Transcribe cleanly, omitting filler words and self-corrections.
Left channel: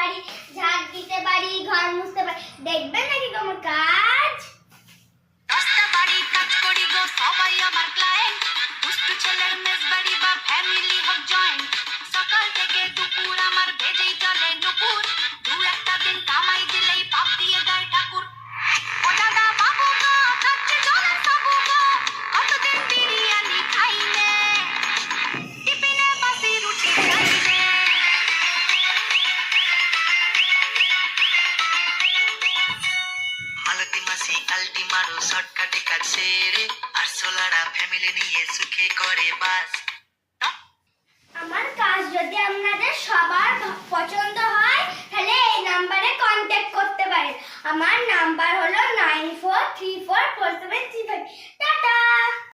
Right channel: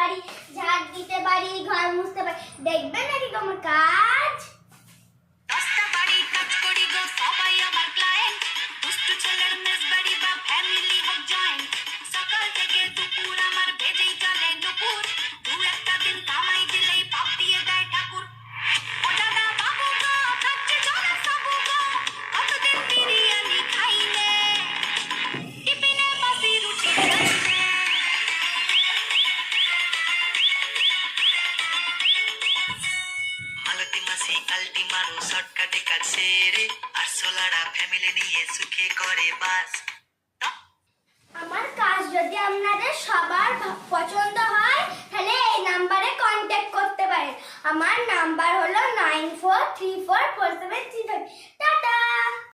পারি, ঝাড় দিতে পারি, ঘর মুছতে পারি। দেখবেন নাকি আমার কাজ? দশটা বাড়ির কাজ করি গো, সবাই আমার ক্লায়েন্ট। দুষ্টু ছেলের মেস বাড়ি বা ফ্যামিলি হোক জয়েন্ট, সকাল থেকে দুপুর আমার ভেজেই চলে নুপুর। দু একটা দিন কামাই দিলেই পাপ দিয়ে দেয় ঠাকুর। ও দাদা বাবু গো, খাচ্ছে জোরে সাবু গো, কতদিন বিরিয়ানি খাইলে, টিফিনে বাসি রুটি খাইলে। মালতী মাসি আলটি মারো, শর্টকাটে কাজ সেরে, আর সোলারা ফ্যামিলি নিয়ে সুখে করে বাস। আমার কাজ যদি আপনাদের সবার পছন্দ হয় তাহলে এই নাম্বারে কন্ট্যাক্ট করতে পারেন। আমার নাম্বার হলো 94344735।